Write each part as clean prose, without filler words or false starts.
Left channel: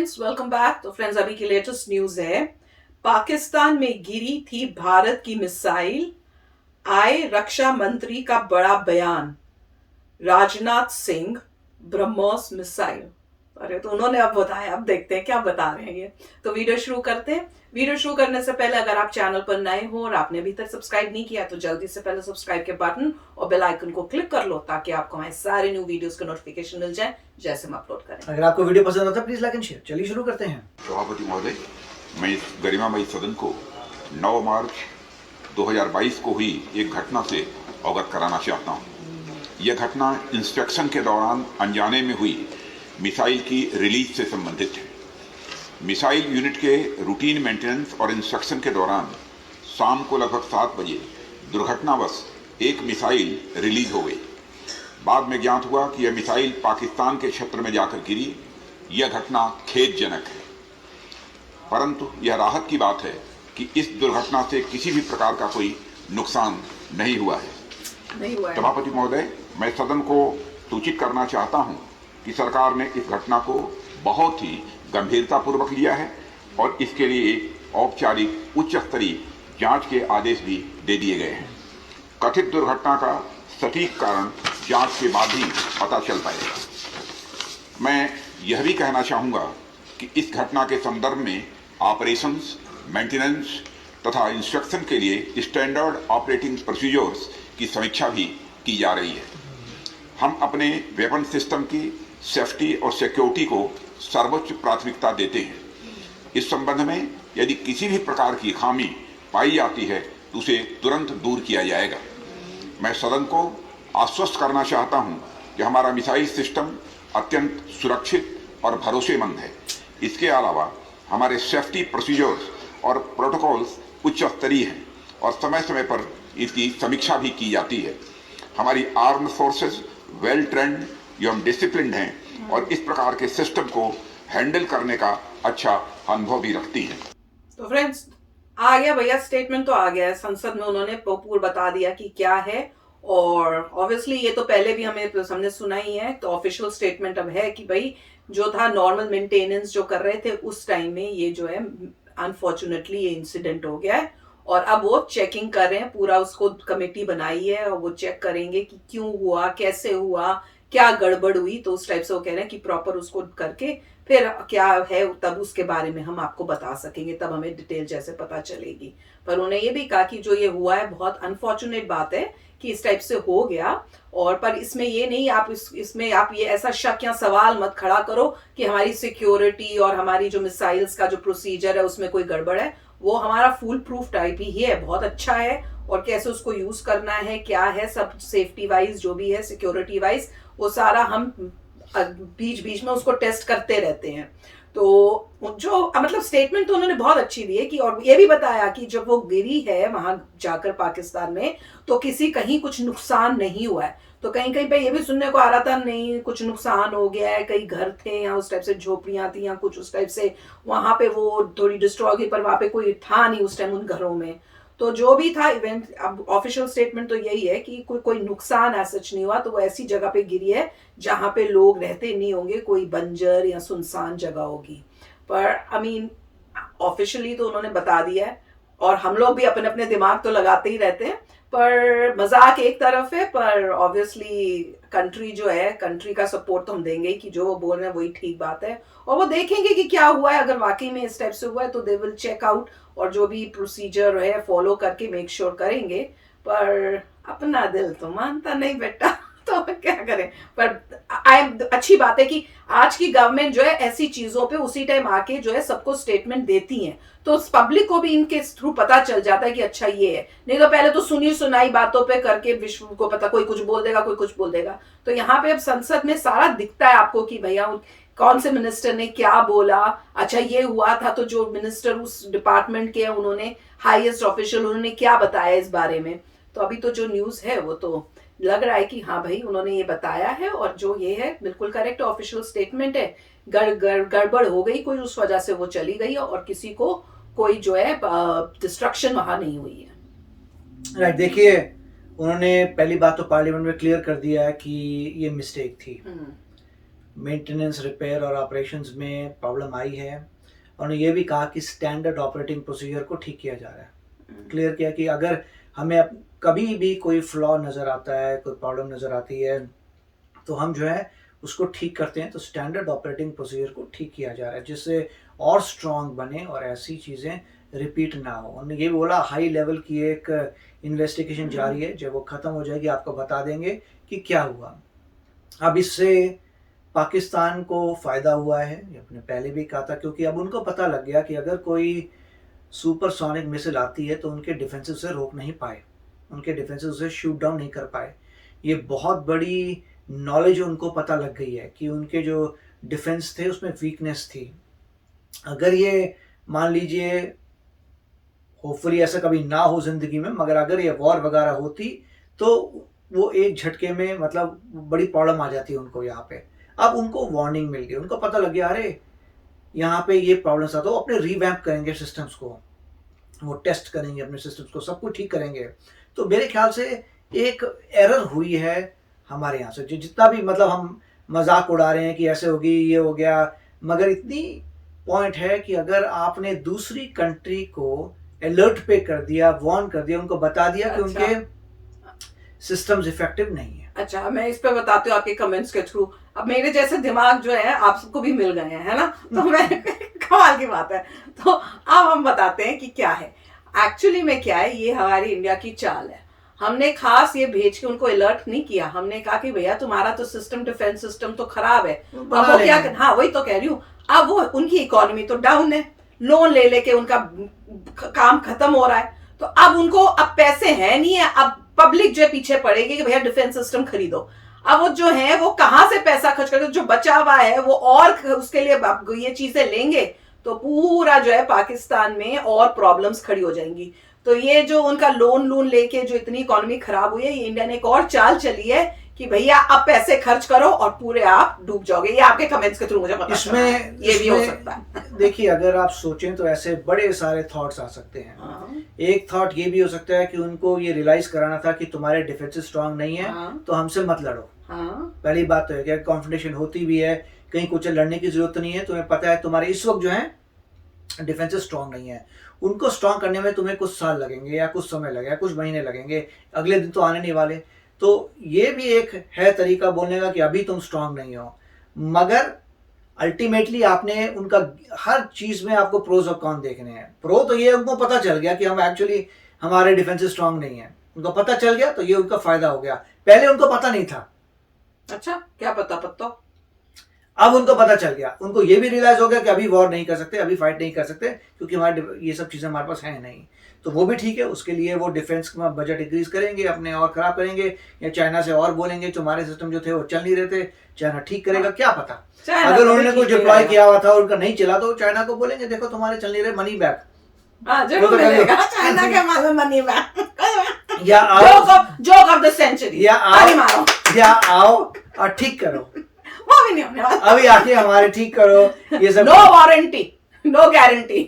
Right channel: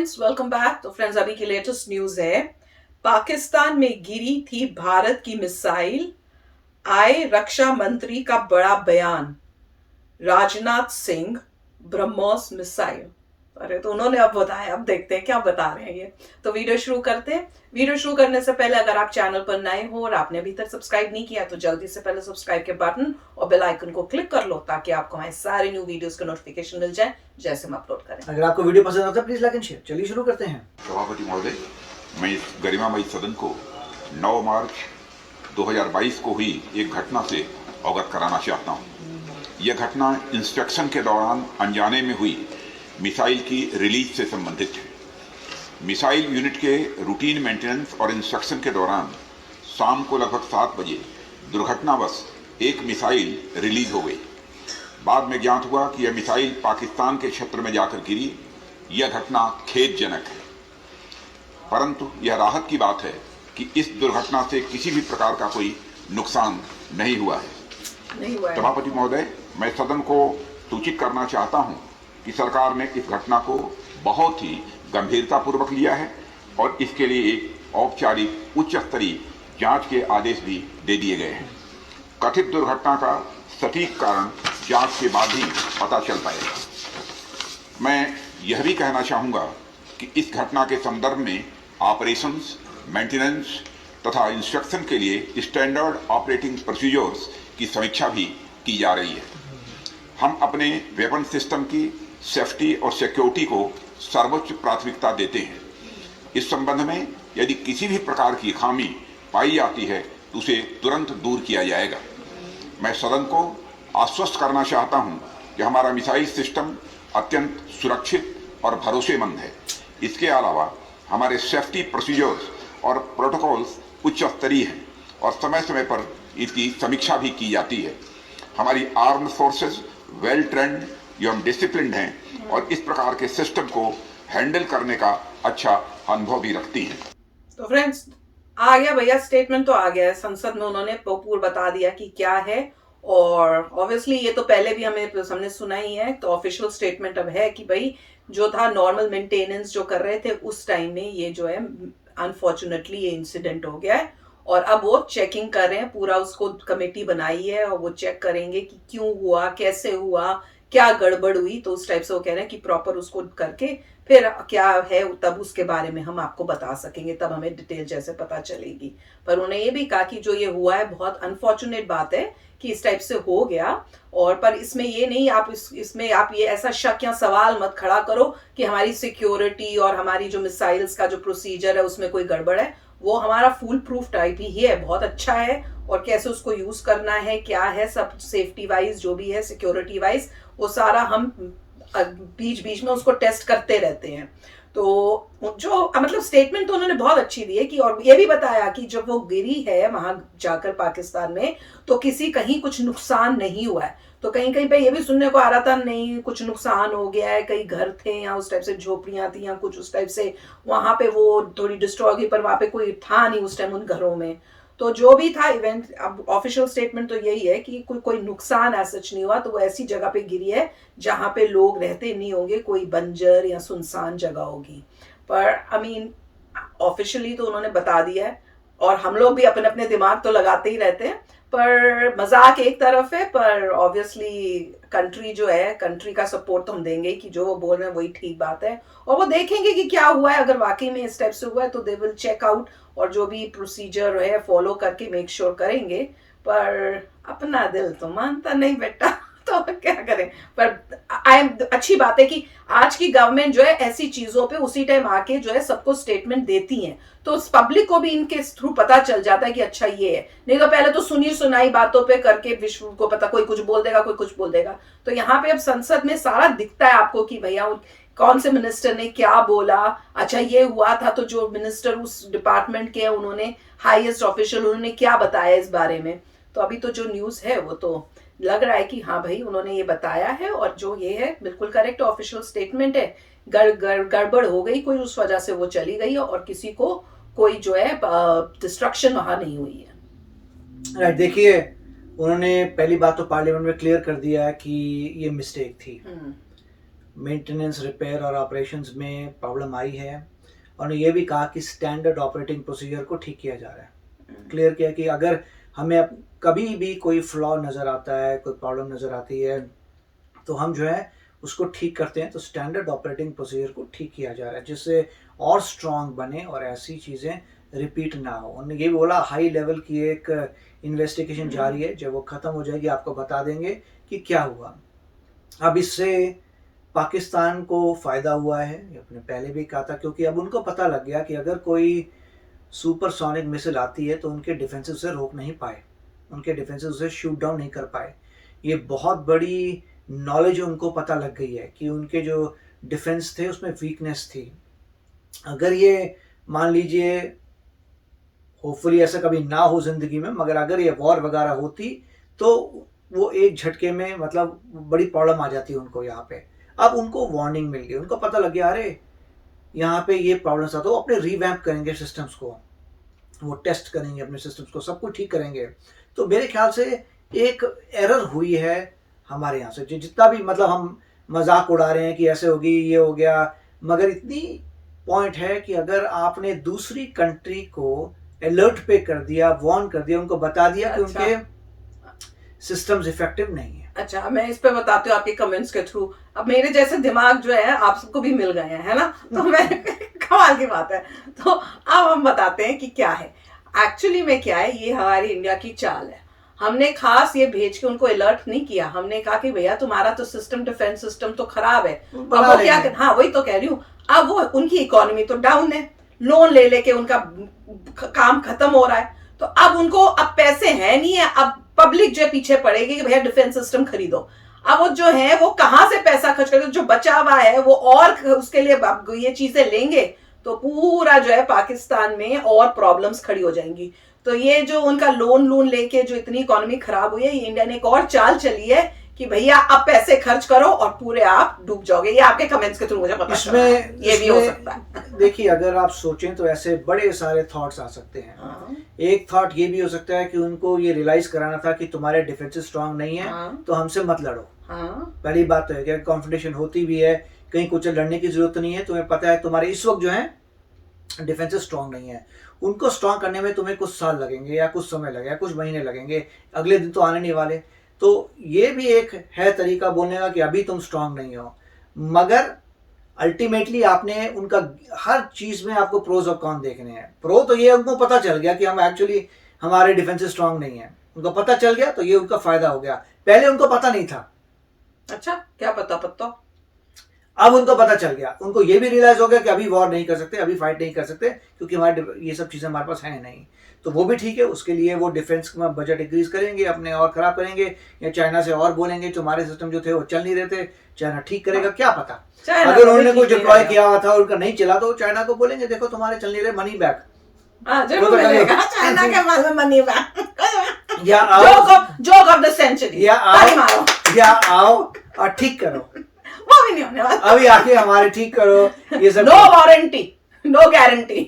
Friends, welcome back. तो friends, अभी की लेटेस्ट न्यूज है। पाकिस्तान में गिरी थी भारत की मिसाइल। आए रक्षा मंत्री का बड़ा बयान। राजनाथ सिंह, ब्रह्मोस मिसाइल। अरे, तो उन्होंने अब बताया। अब देखते हैं क्या बता रहे हैं ये। तो वीडियो शुरू करते हैं। वीडियो शुरू करने से पहले अगर आप चैनल पर नए हो और आपने अभी तक सब्सक्राइब नहीं किया तो जल्दी से पहले सब्सक्राइब के बटन और बेल आइकन को क्लिक कर लो ताकि आपको हमारे सारे न्यू वीडियोस का नोटिफिकेशन मिल जाए जैसे हम अपलोड करें। अगर आपको वीडियो पसंद आता है प्लीज लाइक एंड शेयर। चलिए शुरू करते हैं। सभापति महोदय, मैं इस गरिमामयी सदन को 9 मार्च 2022 को हुई एक घटना से अवगत कराना चाहता हूँ। यह घटना इंस्पेक्शन के दौरान अनजाने में हुई मिसाइल की रिलीज से संबंधित है। मिसाइल यूनिट के रूटीन मेंटेनेंस और इंस्पेक्शन के दौरान शाम को लगभग 7 बजे दुर्घटनावश एक मिसाइल रिलीज हो गई। बाद में ज्ञात हुआ कि यह मिसाइल पाकिस्तान के क्षेत्र में जाकर गिरी। यह घटना खेदजनक है, परंतु यह राहत की बात है कि इस दुर्घटना से किसी भी प्रकार का कोई नुकसान नहीं हुआ है। सभापति महोदय, मैं सदन को सूचित करना चाहता हूं कि सरकार ने इस घटना को बहुत ही गंभीरतापूर्वक लिया है और इसके लिए एक औपचारिक उच्च स्तरीय जांच के आदेश भी दे दिए गए हैं। कथित दुर्घटना का सटीक कारण जांच के बाद ही पता चल पाएगा। मैं यह भी कहना चाहूँगा कि इस घटना के संदर्भ में ऑपरेशंस, मेंटेनेंस तथा इंस्पेक्शन के लिए स्टैंडर्ड ऑपरेटिंग प्रोसीजर्स की समीक्षा भी की जा रही है। हम अपने वेपन सिस्टम की सेफ्टी और सिक्योरिटी को सर्वोच्च प्राथमिकता देते हैं। इस संबंध में यदि किसी भी प्रकार की खामी पाई जाती है तो उसे तुरंत दूर किया जाएगा। मैं सदन को आश्वस्त करना चाहता हूं कि हमारा मिसाइल सिस्टम अत्यंत सुरक्षित और भरोसेमंद है। इसके अलावा हमारे सेफ्टी प्रोसीजर्स और प्रोटोकॉल्स उच्च स्तरीय हैं और समय समय पर इसकी समीक्षा भी की जाती है। हमारी आर्म्ड फोर्सेस वेल ट्रेंड एवं डिसिप्लिन्ड हैं और इस प्रकार के सिस्टम को हैंडल करने का अच्छा अनुभव भी रखती हैं। तो फ्रेंड्स, आ गया भैया, स्टेटमेंट तो आ गया है। संसद में उन्होंने पूर्ण बता दिया कि क्या है। और ऑब्वियसली ये तो पहले भी हमने सुना ही है। तो ऑफिशियल स्टेटमेंट अब है कि भाई जो था नॉर्मल मेंटेनेंस जो कर रहे थे उस टाइम में ये जो है अनफॉर्चुनेटली ये इंसिडेंट हो गया है। और अब वो चेकिंग कर रहे हैं, पूरा उसको कमेटी बनाई है और वो चेक करेंगे कि क्यों हुआ, कैसे हुआ, क्या गड़बड़ हुई। तो उस टाइप से वो कह रहे हैं कि प्रॉपर उसको करके फिर क्या है तब उसके बारे में हम आपको बता सकेंगे, तब हमें डिटेल जैसे पता चलेगी। पर उन्होंने ये भी कहा कि जो ये हुआ है बहुत अनफॉर्चुनेट बात है कि इस टाइप से हो गया। और पर इसमें ये नहीं, आप इसमें आप ये ऐसा शक या सवाल मत खड़ा करो कि हमारी सिक्योरिटी और हमारी जो मिसाइल्स का जो प्रोसीजर है उसमें कोई गड़बड़ है। वो हमारा फुल प्रूफ टाइप ही है, बहुत अच्छा है। और कैसे उसको यूज करना है, क्या है, सब सेफ्टी वाइज जो भी है, सिक्योरिटी वाइज, वो सारा हम बीच बीच में उसको टेस्ट करते रहते हैं। तो जो मतलब स्टेटमेंट तो उन्होंने बहुत अच्छी दी है कि, और ये भी बताया कि जब वो गिरी है वहां जाकर पाकिस्तान में तो किसी कहीं कुछ नुकसान नहीं हुआ है। तो कहीं कहीं पे ये भी सुनने को आ रहा था नहीं कुछ नुकसान हो गया है, कई घर थे या उस टाइप से झोपड़ियां थी या कुछ उस टाइप से वहां पे वो थोड़ी डिस्ट्रॉय हुई, पर वहां पे कोई था नहीं उस टाइम उन घरों में। तो जो भी था इवेंट, अब ऑफिशियल स्टेटमेंट तो यही है कि कोई नुकसान ऐसा नहीं हुआ। तो वो ऐसी जगह पे गिरी है जहां पे लोग रहते नहीं होंगे, कोई बंजर या सुनसान जगह होगी। पर आई मीन ऑफिशियली तो उन्होंने बता दिया है। और हम लोग भी अपने अपने दिमाग तो लगाते ही रहते हैं। पर मजाक एक तरफ है, पर ऑब्वियसली कंट्री जो है, कंट्री का सपोर्ट तो हम देंगे ही कि जो वो बोल रहे हैं वही ठीक बात है। और वो देखेंगे कि क्या हुआ है, अगर वाकई में इस टाइप से हुआ है तो दे विल चेक आउट और जो भी प्रोसीजर है फॉलो करके मेक श्योर करेंगे। पर अपना दिल तो मानता नहीं बेटा तो क्या करें। पर आई एम अच्छी बात है कि आज की गवर्नमेंट जो है ऐसी चीजों पे उसी टाइम आके जो है सबको स्टेटमेंट देती हैं। तो उस पब्लिक को भी इनके थ्रू पता चल जाता है कि अच्छा ये है। नहीं तो पहले तो सुनी सुनाई बातों पे करके विश्व को पता, कोई कुछ बोल देगा, कोई कुछ बोल देगा। तो यहाँ पे अब संसद में सारा दिखता है आपको कि भैया कौन से मिनिस्टर ने क्या बोला। अच्छा ये हुआ था तो जो मिनिस्टर उस डिपार्टमेंट के उन्होंने हाईएस्ट ऑफिशियल उन्होंने क्या बताया इस बारे में। तो अभी तो जो न्यूज है वो तो लग रहा है कि हाँ भाई उन्होंने ये बताया है और जो ये है बिल्कुल करेक्ट ऑफिशियल स्टेटमेंट है। गड़बड़ हो गई कोई, उस वजह से वो चली गई और किसी को कोई जो है डिस्ट्रक्शन वहां नहीं हुई है। राइट, देखिए उन्होंने पहली बात तो पार्लियामेंट में क्लियर कर दिया है कि ये मिस्टेक थी। मेंटेनेंस, रिपेयर और ऑपरेशंस में प्रॉब्लम आई है। उन्होंने ये भी कहा कि स्टैंडर्ड ऑपरेटिंग प्रोसीजर को ठीक किया जा रहा है। क्लियर किया कि अगर हमें कभी भी कोई फ्लॉ नज़र आता है, कोई प्रॉब्लम नज़र आती है, तो हम जो है उसको ठीक करते हैं। तो स्टैंडर्ड ऑपरेटिंग प्रोसीजर को ठीक किया जा रहा है जिससे और स्ट्रॉन्ग बने और ऐसी चीज़ें रिपीट ना हो। उन्होंने ये बोला हाई लेवल की एक इन्वेस्टिगेशन जारी है, जब वो ख़त्म हो जाएगी आपको बता देंगे कि क्या हुआ। अब इससे पाकिस्तान को फ़ायदा हुआ है, अपने पहले भी कहा था, क्योंकि अब उनको पता लग गया कि अगर कोई सुपरसोनिक मिसाइल आती है तो उनके डिफेंसेस उसे रोक नहीं पाए, उनके डिफेंसेस उसे शूट डाउन नहीं कर पाए। ये बहुत बड़ी नॉलेज उनको पता लग गई है कि उनके जो डिफेंस थे उसमें वीकनेस थी। अगर ये मान लीजिए, होपफुली ऐसा कभी ना हो ज़िंदगी में, मगर अगर ये वॉर वगैरह होती तो वो एक झटके में मतलब बड़ी प्रॉब्लम आ जाती है उनको यहाँ पे। अब उनको वार्निंग मिल गई, उनको पता लग गया अरे यहाँ पे ये प्रॉब्लम्स आता, तो अपने रिवैम्प करेंगे सिस्टम्स को, वो टेस्ट करेंगे अपने सिस्टम्स को, सब कुछ ठीक करेंगे। तो मेरे ख्याल से एक एरर हुई है हमारे यहाँ से, जितना भी मतलब हम मजाक उड़ा रहे हैं कि ऐसे होगी, ये हो गया, मगर इतनी पॉइंट है कि अगर आपने दूसरी कंट्री को अलर्ट पे कर दिया, वार्न कर दिया, उनको बता दिया कि उनके सिस्टम्स इफेक्टिव नहीं है। अच्छा, मैं इस पे बताती हूँ आपके कमेंट्स के थ्रू। अब मेरे जैसे दिमाग जो है आप सबको भी मिल गए हैं, है ना, तो मैं कमाल की बात है। तो अब हम बताते हैं कि क्या है एक्चुअली में, क्या है ये हमारी इंडिया की चाल है। हमने खास ये भेज के उनको अलर्ट नहीं किया, हमने कहा कि भैया तुम्हारा तो सिस्टम, डिफेंस सिस्टम तो खराब है, अब वो क्या, हाँ वही तो कह रही हूँ। अब वो उनकी इकोनॉमी तो डाउन है, लोन ले लेके उनका काम खत्म हो रहा है, तो अब उनको अब पैसे हैं नहीं है, अब पब्लिक जो है पीछे पड़ेगी कि भैया डिफेंस सिस्टम खरीदो। अब वो जो है वो कहां से पैसा खर्च करते, जो बचा हुआ है वो और उसके लिए ये चीजें लेंगे तो पूरा जो है पाकिस्तान में और प्रॉब्लम्स खड़ी हो जाएंगी। तो ये जो उनका लोन लेके जो इतनी इकोनॉमी खराब हुई है, ये इंडिया ने एक और चाल चली है कि भैया अब पैसे खर्च करो और पूरे आप डूब जाओगे। ये आपके कमेंट्स के थ्रू मुझे पता इसमें ये भी हो सकता है। देखिए, अगर आप सोचें तो ऐसे बड़े सारे थॉट्स आ सकते हैं। एक थॉट ये भी हो सकता है कि उनको ये रियलाइज कराना था कि तुम्हारे डिफेंसेस स्ट्रांग नहीं है, तो हमसे मत लड़ो। पहली बात तो है कि कॉन्फ्रंटेशन होती भी है, कहीं कुछ लड़ने की जरूरत नहीं है, तुम्हें पता है तुम्हारे इस वक्त जो है डिफेंसेस स्ट्रांग नहीं है, उनको स्ट्रांग करने में तुम्हें कुछ साल लगेंगे या कुछ समय लगेगा, कुछ महीने लगेंगे, अगले दिन तो आने नहीं वाले। तो ये भी एक है तरीका बोलने का कि अभी तुम स्ट्रांग नहीं हो, मगर अल्टीमेटली आपने उनका हर चीज में आपको प्रोज और कॉन देखने हैं। प्रो तो ये उनको पता चल गया कि हम एक्चुअली हमारे डिफेंसेस स्ट्रांग नहीं है, उनको पता चल गया तो ये उनका फायदा हो गया। पहले उनको पता नहीं था। अच्छा, क्या पता अब उनको पता चल गया, उनको ये भी रियलाइज हो गया कि अभी वॉर नहीं कर सकते, अभी फाइट नहीं कर सकते, क्योंकि हमारे ये सब चीजें हमारे पास है नहीं। तो वो भी ठीक है, उसके लिए वो डिफेंस में बजट इंक्रीज करेंगे, अपने और खराब करेंगे, या चाइना से और बोलेंगे जो हमारे सिस्टम जो थे वो चल नहीं रहे थे, चाइना ठीक करेगा, क्या पता। अगर उन्होंने कुछ डिप्लॉय किया हुआ था और उनका नहीं चला तो चाइना को बोलेंगे देखो तुम्हारे चल नहीं रहे, मनी बैक। जरूर मिलेगा चाइना के माल में मनी बैक, या जोक ऑफ द सेंचुरी, या आओ और ठीक करो। वो भी नहीं होने वाला, अभी आके हमारे ठीक करो, ये सब नो वारंटी, नो गारंटी,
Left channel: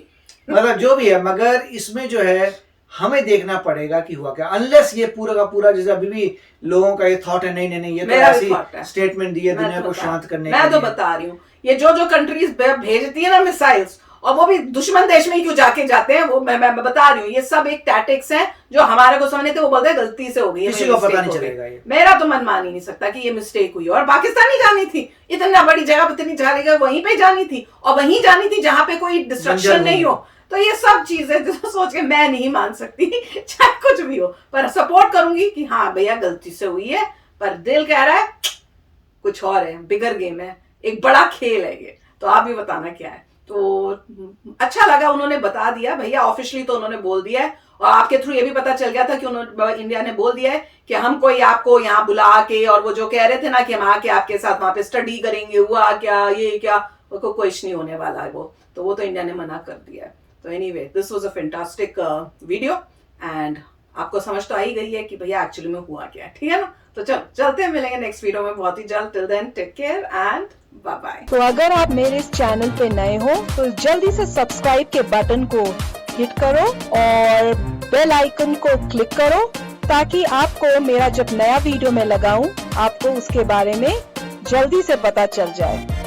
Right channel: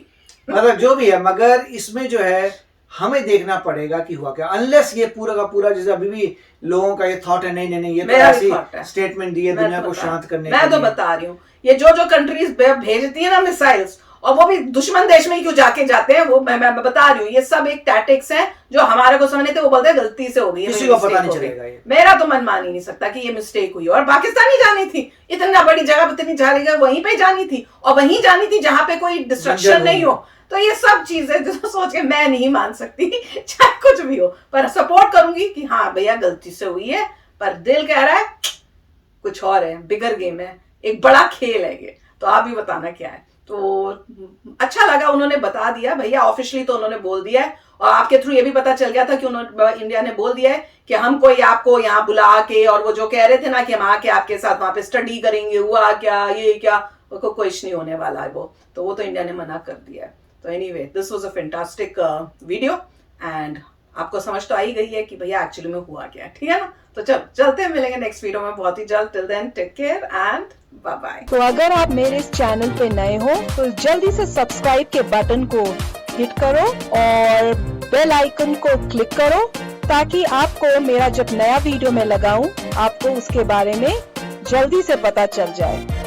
मतलब जो भी है। मगर इसमें जो है हमें देखना पड़ेगा कि हुआ क्या, अनलेस ये पूरा का पूरा, जैसे अभी भी लोगों का ये थॉट है नहीं ये तो ऐसी स्टेटमेंट दी है दुनिया को शांत करने के लिए। मैं तो बता रही हूँ, ये जो कंट्रीज भेजती है ना मिसाइल्स, और वो भी दुश्मन देश में ही क्यों जाते हैं, वो मैं बता रही हूँ, ये सब एक टैक्टिक्स हैं जो हमारे को समझ नहीं थे, वो बोलते हैं गलती से हो गई, किसी को पता नहीं चलेगा। ये मेरा तो मन मान ही नहीं सकता कि ये मिस्टेक हुई। और पाकिस्तान ही जानी थी, इतना बड़ी जगह पर इतनी जाएगा, वहीं पे जानी थी, और वहीं जानी थी जहां पे कोई डिस्ट्रक्शन नहीं हो। तो ये सब चीजें जो सोच के मैं नहीं मान सकती, चाहे कुछ भी हो, पर सपोर्ट करूंगी कि हाँ भैया गलती से हुई है, पर दिल कह रहा है कुछ और है, बिगर गेम है, एक बड़ा खेल है ये। तो आप भी बताना क्या है। तो अच्छा लगा उन्होंने बता दिया भैया, ऑफिशियली तो उन्होंने बोल दिया है, और आपके थ्रू ये भी पता चल गया था कि उन्होंने, इंडिया ने बोल दिया है कि हम कोई आपको यहाँ बुला के, और वो जो कह रहे थे ना कि हम आके आपके साथ वहां पे स्टडी करेंगे, हुआ क्या ये क्या, को कुछ नहीं होने वाला है वो, तो वो तो इंडिया ने मना कर दिया है। तो anyway, this was a fantastic video, and आपको समझ तो आई गई है कि भैया एक्चुअली में हुआ क्या है, ठीक है ना। तो चलो चलते हैं, मिलेंगे नेक्स्ट वीडियो में बहुत ही जल्द। Till then take care and bye bye. तो अगर आप मेरे इस चैनल पे नए हो तो जल्दी से सब्सक्राइब के बटन को हिट करो और बेल आइकन को क्लिक करो, ताकि आपको मेरा जब नया वीडियो मैं लगाऊं आपको उसके बारे में जल्दी से पता चल जाए।